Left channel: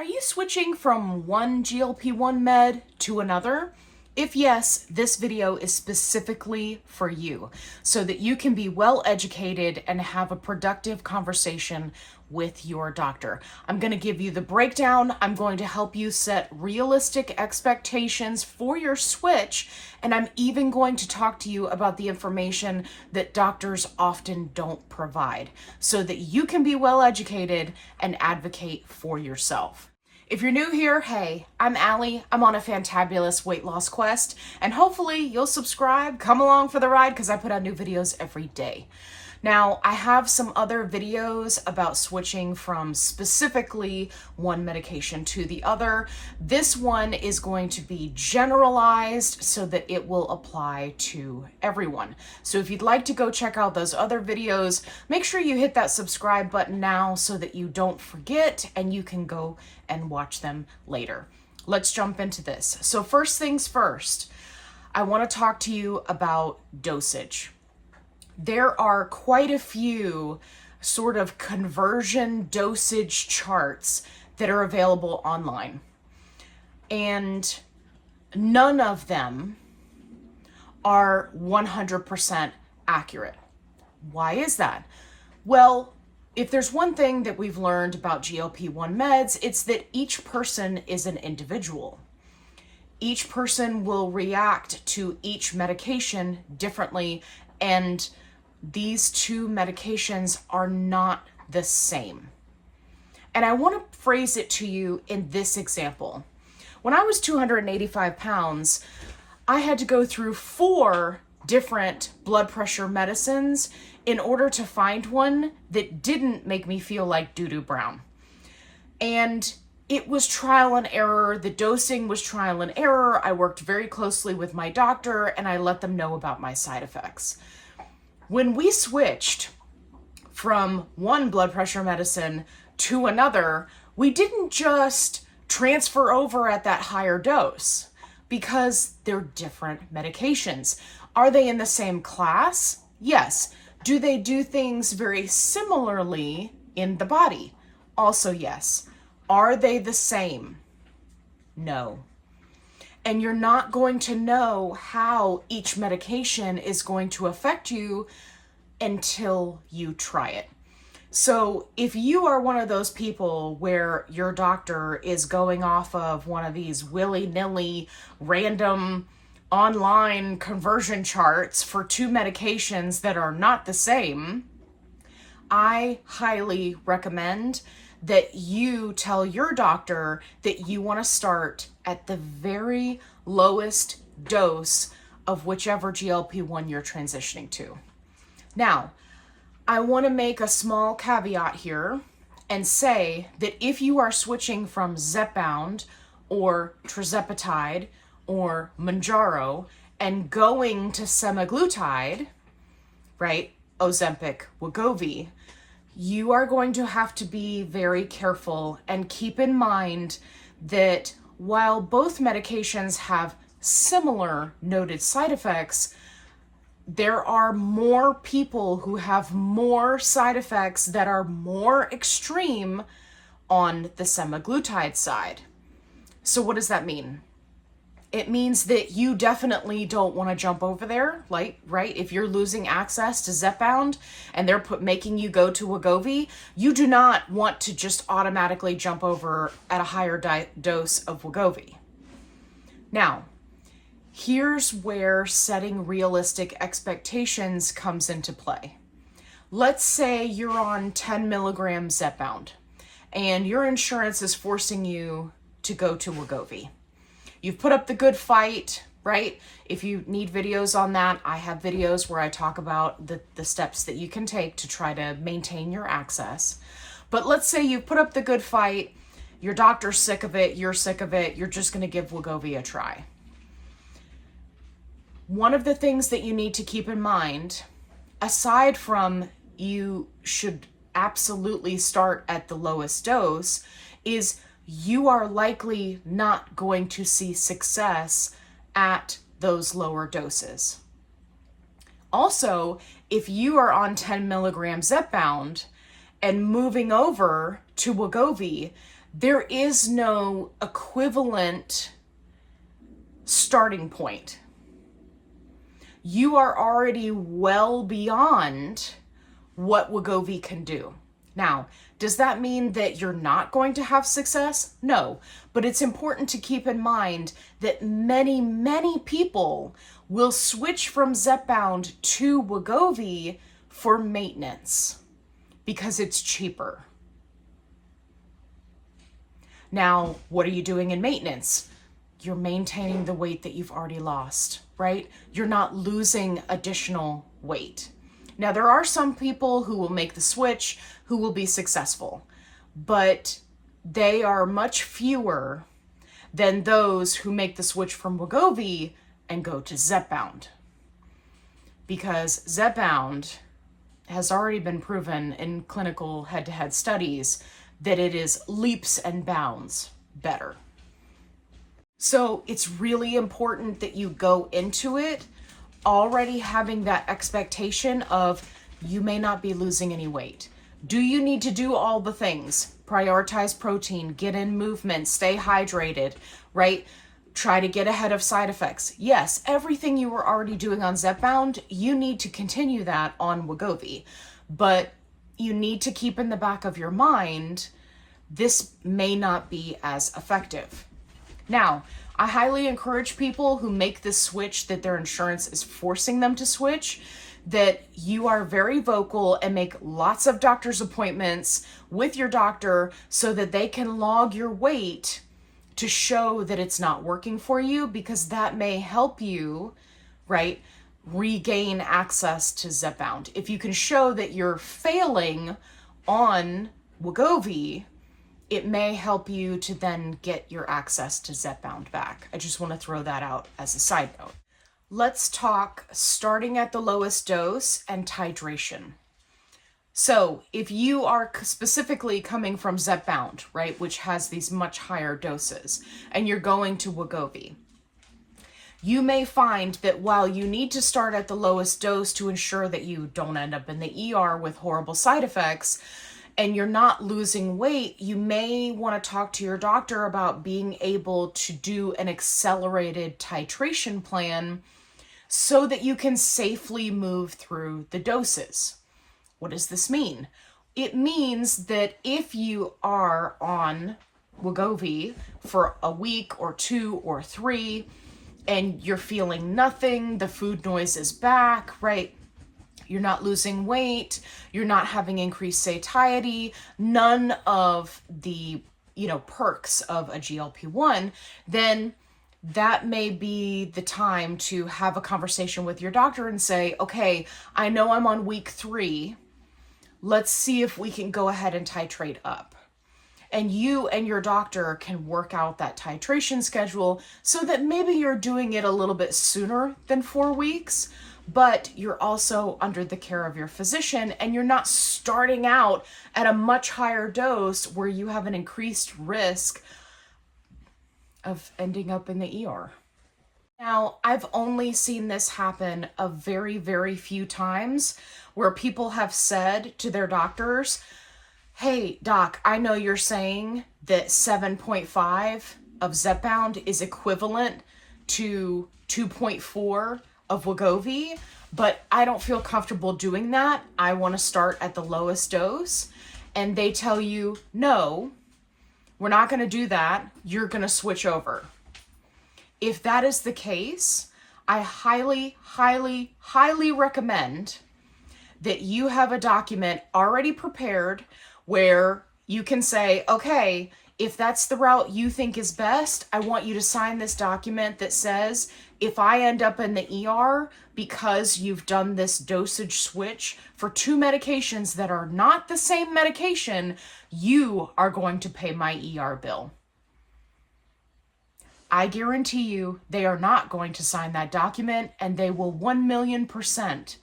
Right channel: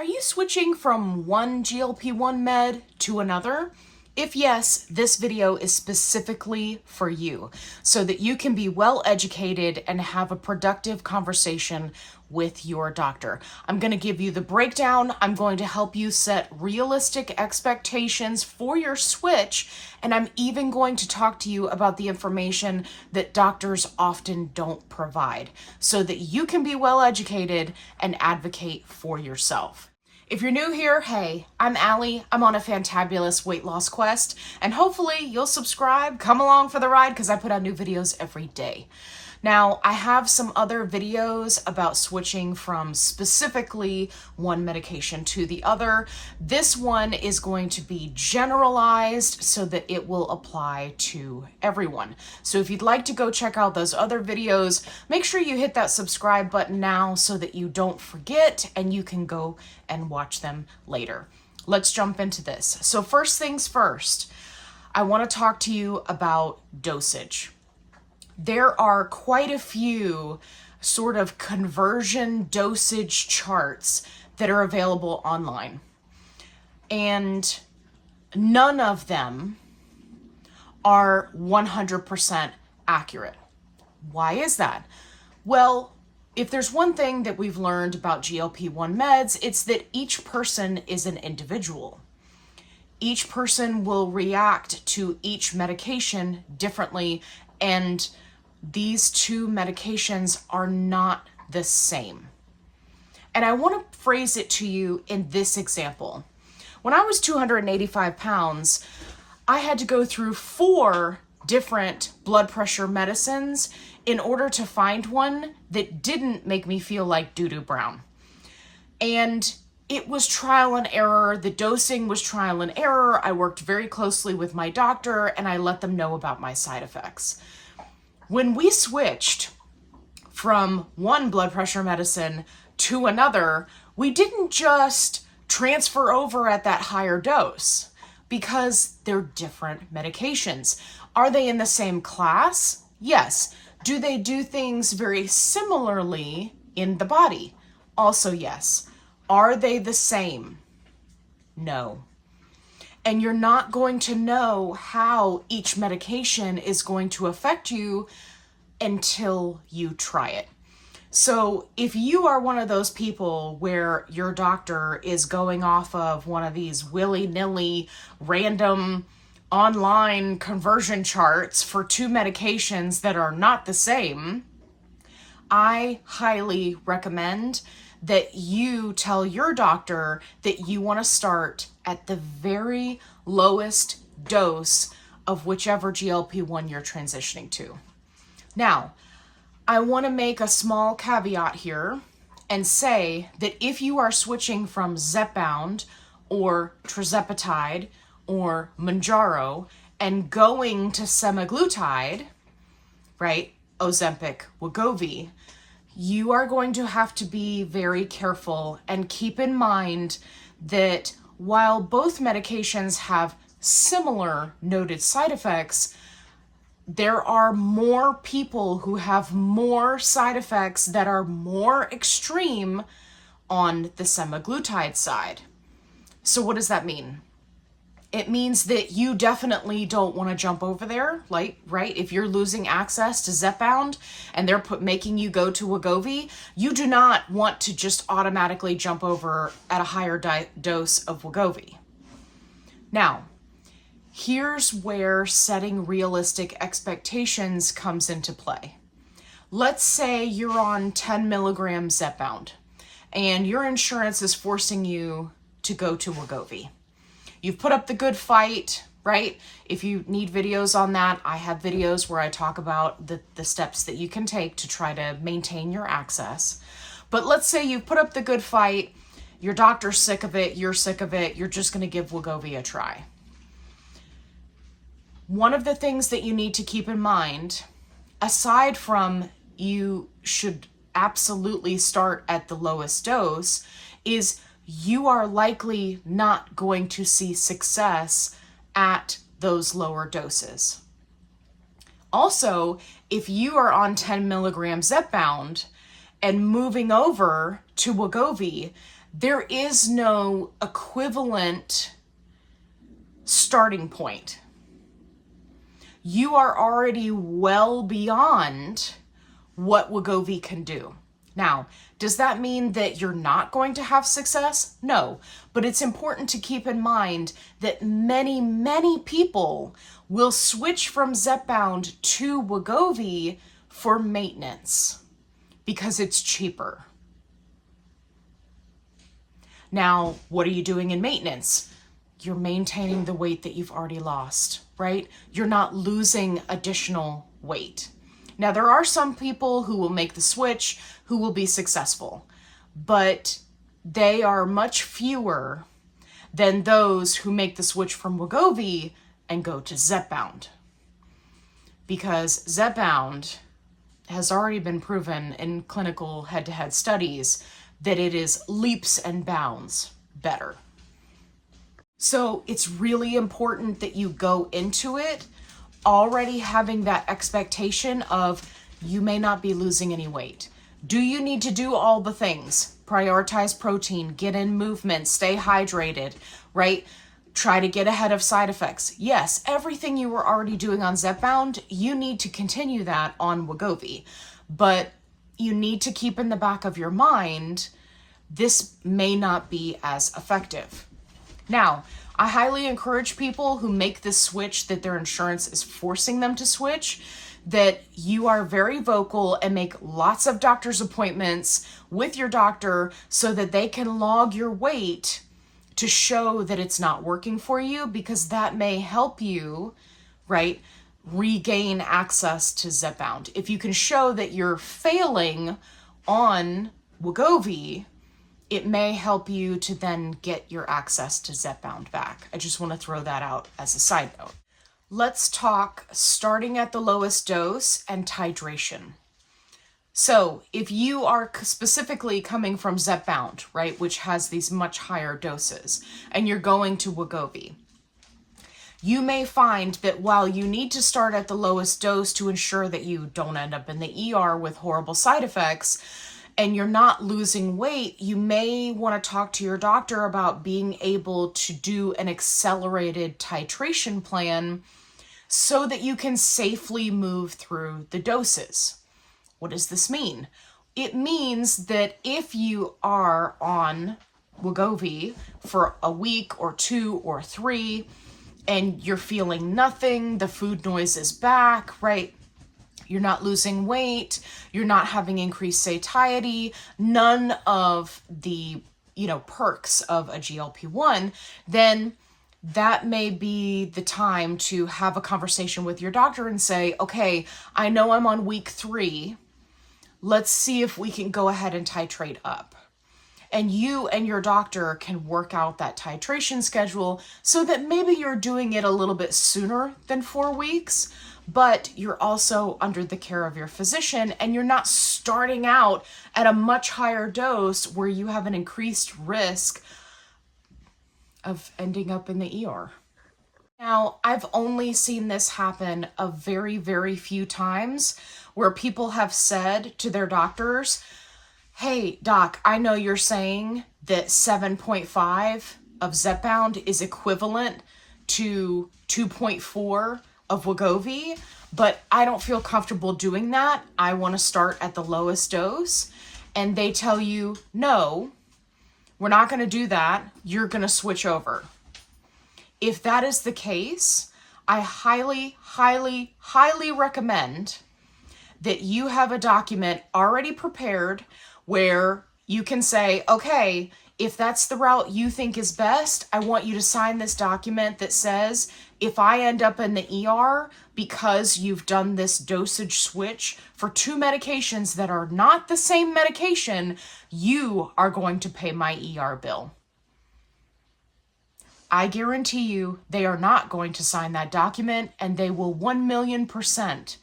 Are you switching from one GLP-1 med to another? If yes, this video is specifically for you so that you can be well educated and have a productive conversation with your doctor. I'm going to give you the breakdown. I'm going to help you set realistic expectations for your switch. And I'm even going to talk to you about the information that doctors often don't provide so that you can be well educated and advocate for yourself. If you're new here, hey, I'm Allie. I'm on a fantabulous weight loss quest, and hopefully you'll subscribe, come along for the ride, because I put out new videos every day. Now, I have some other videos about switching from specifically one medication to the other. This one is going to be generalized so that it will apply to everyone. So if you'd like to go check out those other videos, make sure you hit that subscribe button now so that you don't forget and you can go and watch them later. Let's jump into this. So first things first, I want to talk to you about dosage. There are quite a few sort of conversion dosage charts that are available online, and none of them are 100% accurate. Why is that? Well, if there's one thing that we've learned about GLP-1 meds, it's that each person is an individual. Each person will react to each medication differently, and these two medications are not the same. And I want to phrase it to you in this example. When I was 285 pounds, I had to go through 4 different blood pressure medicines in order to find one that didn't make me feel like doo-doo brown. And it was trial and error. The dosing was trial and error. I worked very closely with my doctor and I let them know about my side effects. When we switched from one blood pressure medicine to another, we didn't just transfer over at that higher dose because they're different medications. Are they in the same class? Yes. Do they do things very similarly in the body? Also, yes. Are they the same? No. And you're not going to know how each medication is going to affect you until you try it. So if you are one of those people where your doctor is going off of one of these willy-nilly random online conversion charts for 2 medications that are not the same, I highly recommend that you tell your doctor that you want to start at the very lowest dose of whichever GLP-1 you're transitioning to. Now, I want to make a small caveat here and say that if you are switching from Zepbound or tirzepatide or Mounjaro and going to semaglutide, right, Ozempic, Wegovy, you are going to have to be very careful and keep in mind that while both medications have similar noted side effects, there are more people who have more side effects that are more extreme on the semaglutide side. So what does that mean? It means that you definitely don't want to jump over there, like, right? If you're losing access to Zepbound and they're making you go to Wegovy, you do not want to just automatically jump over at a higher dose of Wegovy. Now, here's where setting realistic expectations comes into play. Let's say you're on 10 milligrams Zepbound and your insurance is forcing you to go to Wegovy. You've put up the good fight, right? If you need videos on that, I have videos where I talk about the steps that you can take to try to maintain your access. But let's say you've put up the good fight, your doctor's sick of it, you're sick of it, you're just going to give Wegovy a try. One of the things that you need to keep in mind, aside from you should absolutely start at the lowest dose, is you are likely not going to see success at those lower doses. Also, if you are on 10 milligrams Zepbound and moving over to Wegovy, There is no equivalent starting point. You are already well beyond what Wegovy can do. Now, does that mean that you're not going to have success? No, but it's important to keep in mind that many, many people will switch from Zepbound to Wegovy for maintenance because it's cheaper. Now, what are you doing in maintenance? You're maintaining the weight that you've already lost, right? You're not losing additional weight. Now, there are some people who will make the switch who will be successful, but they are much fewer than those who make the switch from Wegovy and go to Zepbound. Because Zepbound has already been proven in clinical head-to-head studies that it is leaps and bounds better. So it's really important that you go into it already having that expectation of you may not be losing any weight. Do you need to do all the things? Prioritize protein, get in movement, stay hydrated, right? Try to get ahead of side effects. Yes, everything you were already doing on Zepbound, you need to continue that on Wegovy. But you need to keep in the back of your mind, this may not be as effective. Now, I highly encourage people who make this switch that their insurance is forcing them to switch, that you are very vocal and make lots of doctor's appointments with your doctor so that they can log your weight to show that it's not working for you, because that may help you, right, regain access to Zepbound. If you can show that you're failing on Wegovy, it may help you to then get your access to Zepbound back. I just want to throw that out as a side note. Let's talk starting at the lowest dose and titration. So if you are specifically coming from Zepbound, right, which has these much higher doses, and you're going to Wegovy, you may find that while you need to start at the lowest dose to ensure that you don't end up in the ER with horrible side effects, and you're not losing weight, you may want to talk to your doctor about being able to do an accelerated titration plan so that you can safely move through the doses. What does this mean? It means that if you are on Wegovy for a week or 2 or 3, and you're feeling nothing, the food noise is back, right? You're not losing weight, you're not having increased satiety, none of the, perks of a GLP-1, then that may be the time to have a conversation with your doctor and say, okay, I know I'm on week 3. Let's see if we can go ahead and titrate up. And you and your doctor can work out that titration schedule so that maybe you're doing it a little bit sooner than 4 weeks, but you're also under the care of your physician and you're not starting out at a much higher dose where you have an increased risk of ending up in the ER. Now, I've only seen this happen a very, very few times where people have said to their doctors, hey, doc, I know you're saying that 7.5 of Zepbound is equivalent to 2.4 of Wegovy, but I don't feel comfortable doing that. I want to start at the lowest dose. And they tell you, no, we're not going to do that. You're going to switch over. If that is the case, I highly, highly, highly recommend that you have a document already prepared where you can say, okay, if that's the route you think is best, I want you to sign this document that says, if I end up in the ER because you've done this dosage switch for 2 medications that are not the same medication, you are going to pay my ER bill. I guarantee you they are not going to sign that document, and they will 1,000,000%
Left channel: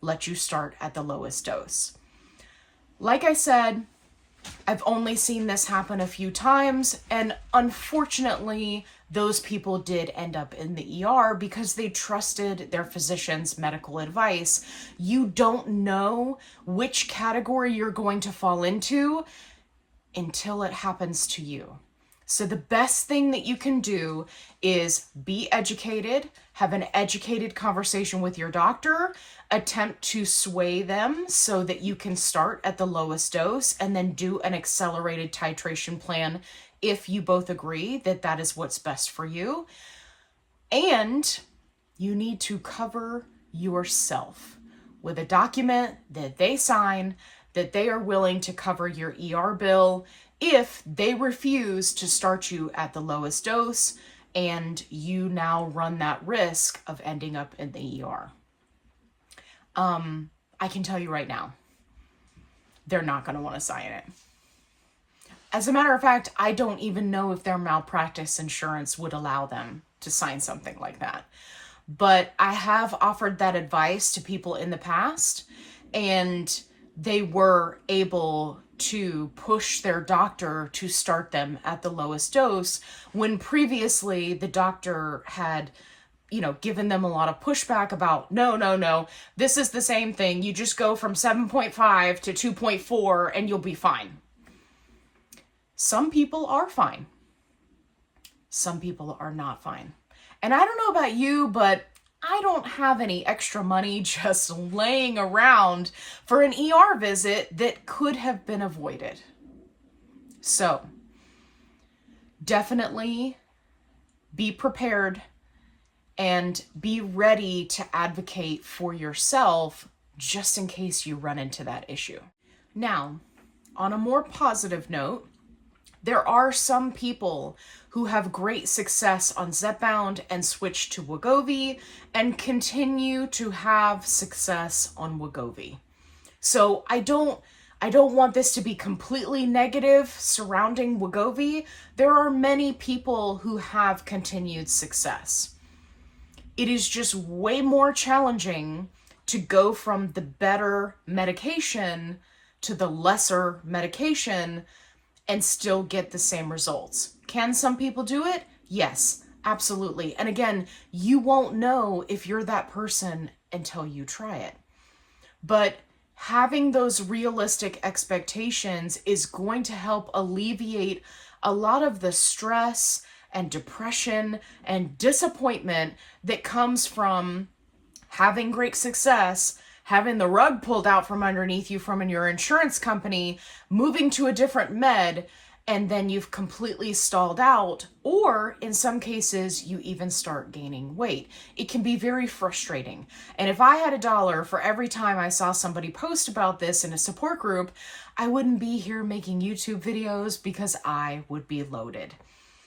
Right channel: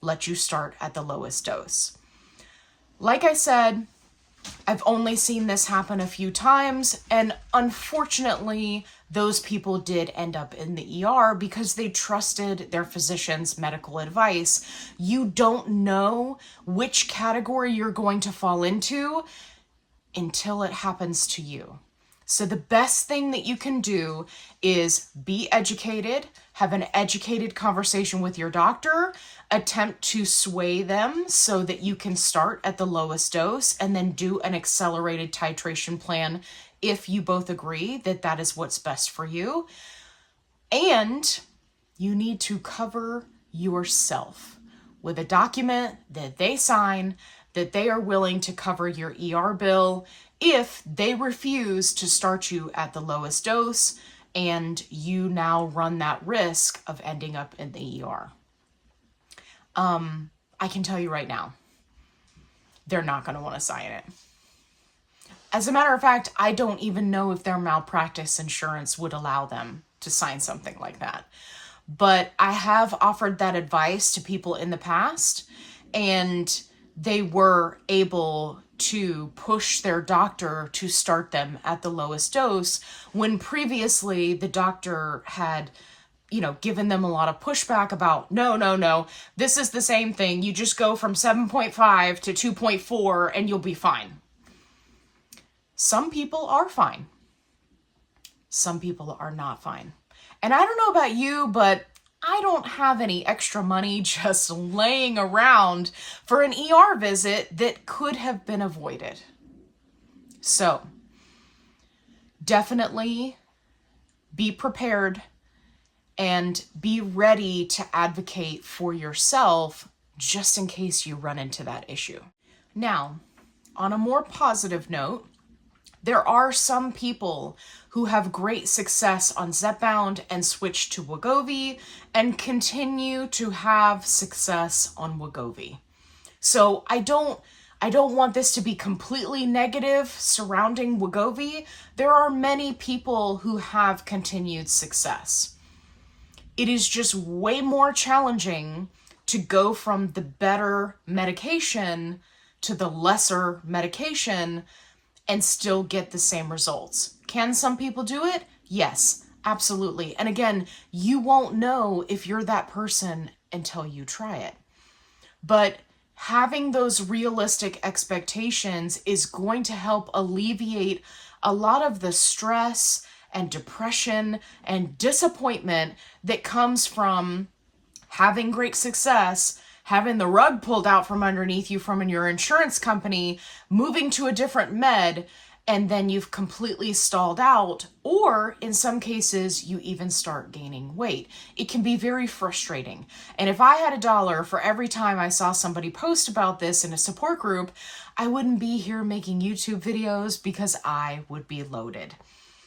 let you start at the lowest dose. Like I said, I've only seen this happen a few times, and unfortunately, those people did end up in the ER because they trusted their physician's medical advice. You don't know which category you're going to fall into until it happens to you. So the best thing that you can do is be educated, have an educated conversation with your doctor, attempt to sway them so that you can start at the lowest dose and then do an accelerated titration plan if you both agree that that is what's best for you. And you need to cover yourself with a document that they sign that they are willing to cover your ER bill if they refuse to start you at the lowest dose and you now run that risk of ending up in the ER. I can tell you right now, they're not going to want to sign it. As a matter of fact, I don't even know if their malpractice insurance would allow them to sign something like that. But I have offered that advice to people in the past, and they were able to push their doctor to start them at the lowest dose when previously the doctor had, given them a lot of pushback about, no, this is the same thing. You just go from 7.5 to 2.4 and you'll be fine. Some people are fine. Some people are not fine. And I don't know about you, but I don't have any extra money just laying around for an ER visit that could have been avoided. So definitely be prepared and be ready to advocate for yourself just in case you run into that issue. Now, on a more positive note, there are some people who have great success on Zepbound and switch to Wegovy and continue to have success on Wegovy. So I don't want this to be completely negative surrounding Wegovy. There are many people who have continued success. It is just way more challenging to go from the better medication to the lesser medication and still get the same results. Can some people do it? Yes, absolutely. And again, you won't know if you're that person until you try it. But having those realistic expectations is going to help alleviate a lot of the stress and depression and disappointment that comes from having great success, having the rug pulled out from underneath you from your insurance company, moving to a different med, and then you've completely stalled out, or in some cases, you even start gaining weight. It can be very frustrating. And if I had $1 for every time I saw somebody post about this in a support group, I wouldn't be here making YouTube videos because I would be loaded.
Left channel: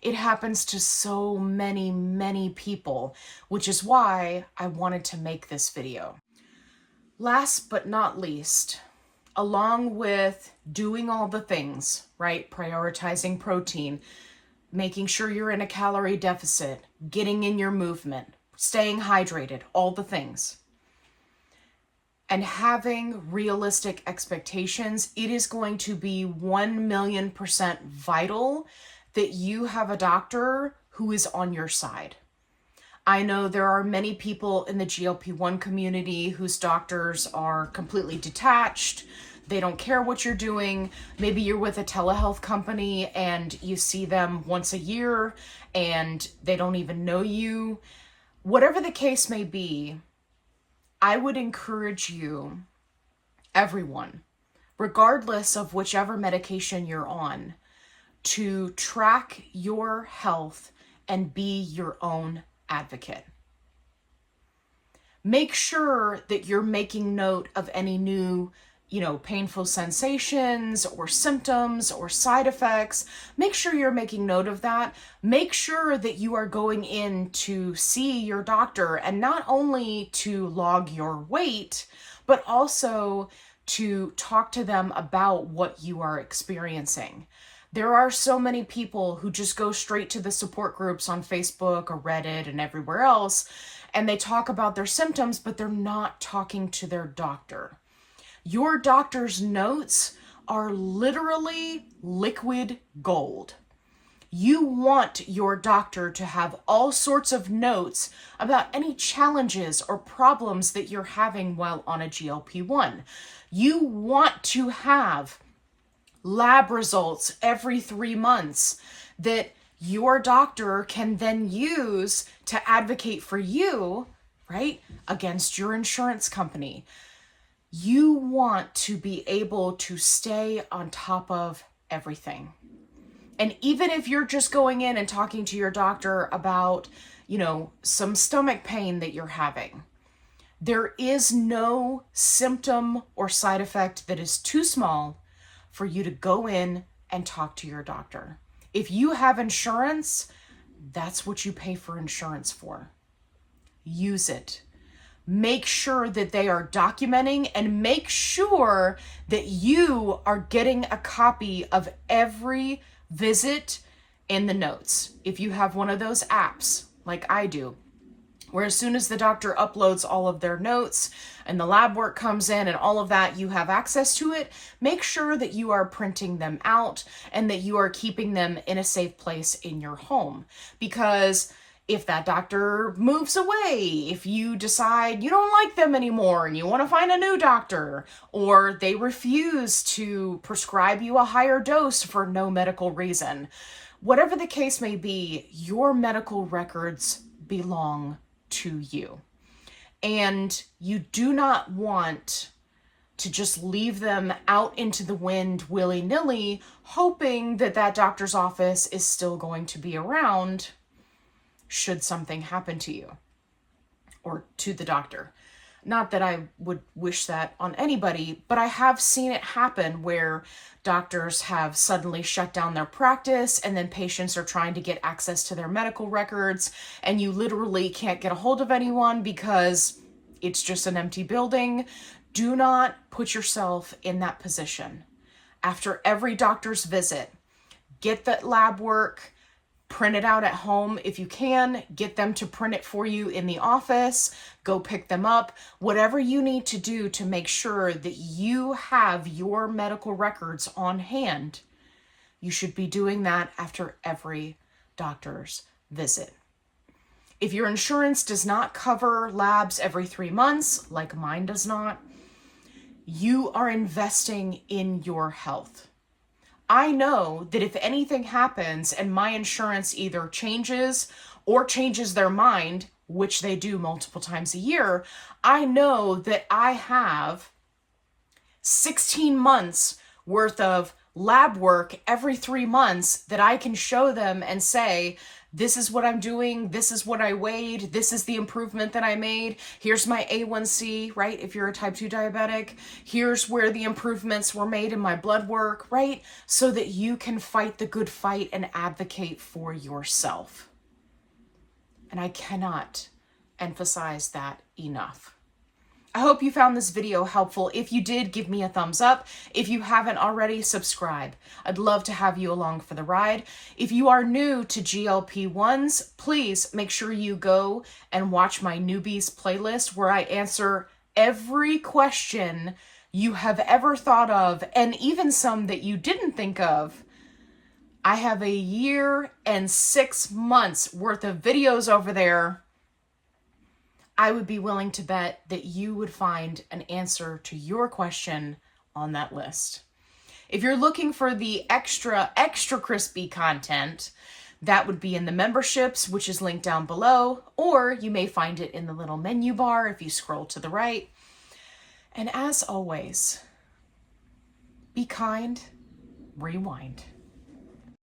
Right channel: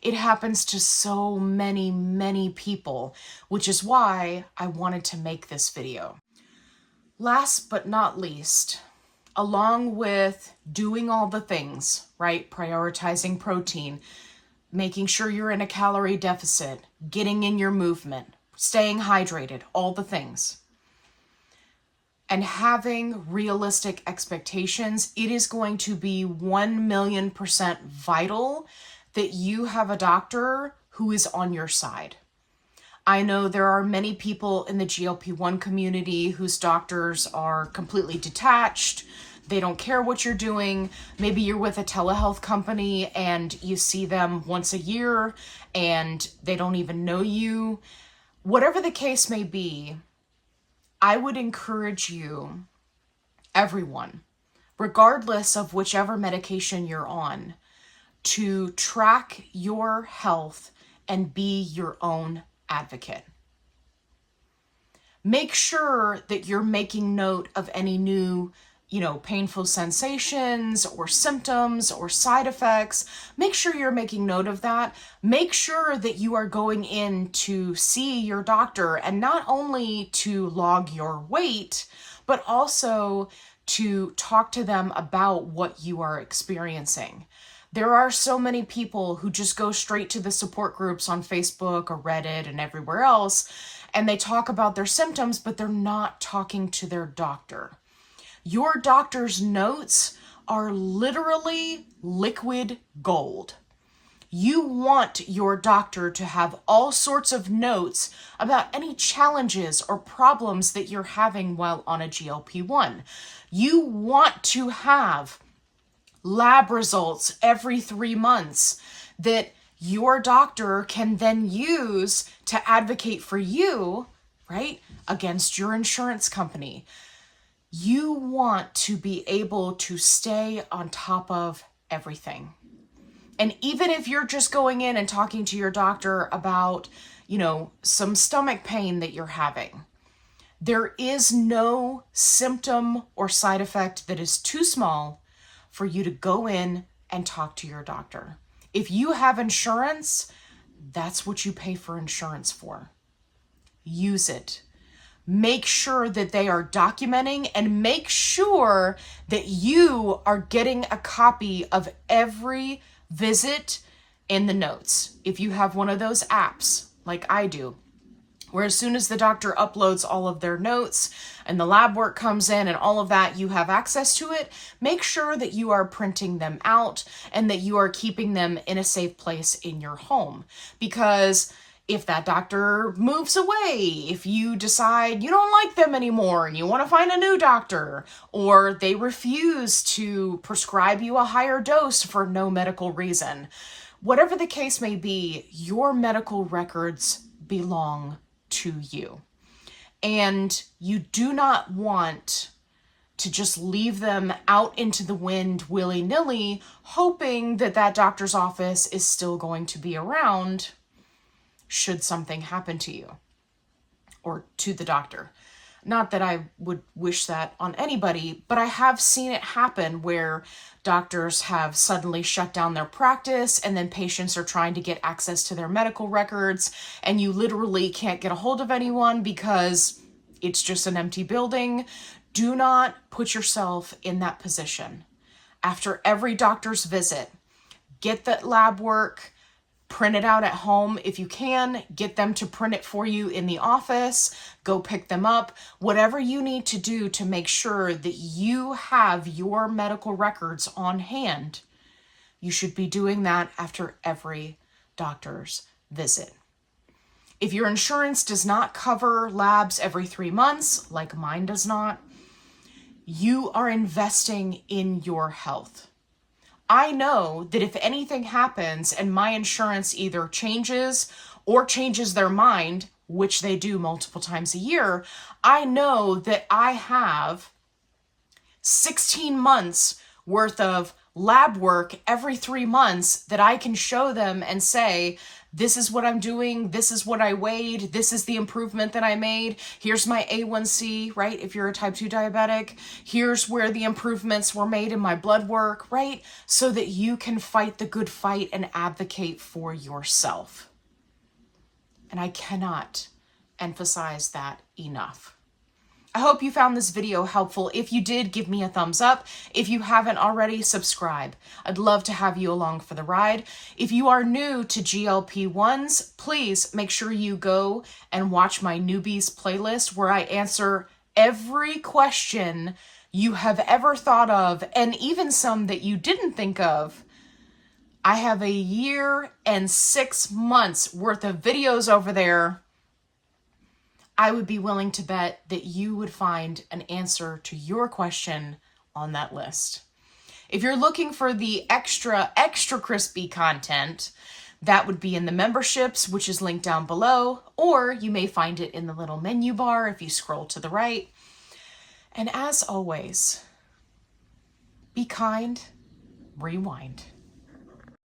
It happens to so many, many people, which is why I wanted to make this video. Last but not least, along with doing all the things, right? Prioritizing protein, making sure you're in a calorie deficit, getting in your movement, staying hydrated, all the things, and having realistic expectations, it is going to be 1,000,000% vital that you have a doctor who is on your side. I know there are many people in the GLP-1 community whose doctors are completely detached. They don't care what you're doing. Maybe you're with a telehealth company and you see them once a year and they don't even know you. Whatever the case may be, I would encourage you, everyone, regardless of whichever medication you're on, to track your health and be your own advocate. Make sure that you're making note of any new, painful sensations or symptoms or side effects. Make sure you're making note of that. Make sure that you are going in to see your doctor, and not only to log your weight, but also to talk to them about what you are experiencing. There are so many people who just go straight to the support groups on Facebook or Reddit and everywhere else, and they talk about their symptoms, but they're not talking to their doctor. Your doctor's notes are literally liquid gold. You want your doctor to have all sorts of notes about any challenges or problems that you're having while on a GLP-1. You want to have lab results every 3 months that your doctor can then use to advocate for you, right, against your insurance company. You want to be able to stay on top of everything. And even if you're just going in and talking to your doctor about, some stomach pain that you're having, there is no symptom or side effect that is too small for you to go in and talk to your doctor. If you have insurance, that's what you pay for insurance for. Use it. Make sure that they are documenting, and make sure that you are getting a copy of every visit in the notes. If you have one of those apps like I do, where as soon as the doctor uploads all of their notes and the lab work comes in and all of that, you have access to it, make sure that you are printing them out and that you are keeping them in a safe place in your home. Because if that doctor moves away, if you decide you don't like them anymore and you want to find a new doctor, or they refuse to prescribe you a higher dose for no medical reason, whatever the case may be, your medical records belong to you. And you do not want to just leave them out into the wind willy-nilly, hoping that that doctor's office is still going to be around should something happen to you or to the doctor. Not that I would wish that on anybody, but I have seen it happen where doctors have suddenly shut down their practice and then patients are trying to get access to their medical records and you literally can't get a hold of anyone because it's just an empty building. Do not put yourself in that position. After every doctor's visit, get that lab work, print it out at home if you can, get them to print it for you in the office, go pick them up, whatever you need to do to make sure that you have your medical records on hand. You should be doing that after every doctor's visit. If your insurance does not cover labs every 3 months, like mine does not, you are investing in your health. I know that if anything happens and my insurance either changes or changes their mind, which they do multiple times a year, I know that I have 16 months worth of lab work every 3 months that I can show them and say, this is what I'm doing, this is what I weighed, this is the improvement that I made, here's my A1C, right? If you're a type 2 diabetic, here's where the improvements were made in my blood work, right? So that you can fight the good fight and advocate for yourself. And I cannot emphasize that enough. I hope you found this video helpful. If you did, give me a thumbs up. If you haven't already, subscribe. I'd love to have you along for the ride. If you are new to GLP-1s, please make sure you go and watch my newbies playlist where I answer every question you have ever thought of, and even some that you didn't think of. I have 1 year and 6 months worth of videos over there. I would be willing to bet that you would find an answer to your question on that list. If you're looking for the extra crispy content, that would be in the memberships, which is linked down below, or you may find it in the little menu bar if you scroll to the right. And as always, be kind, rewind.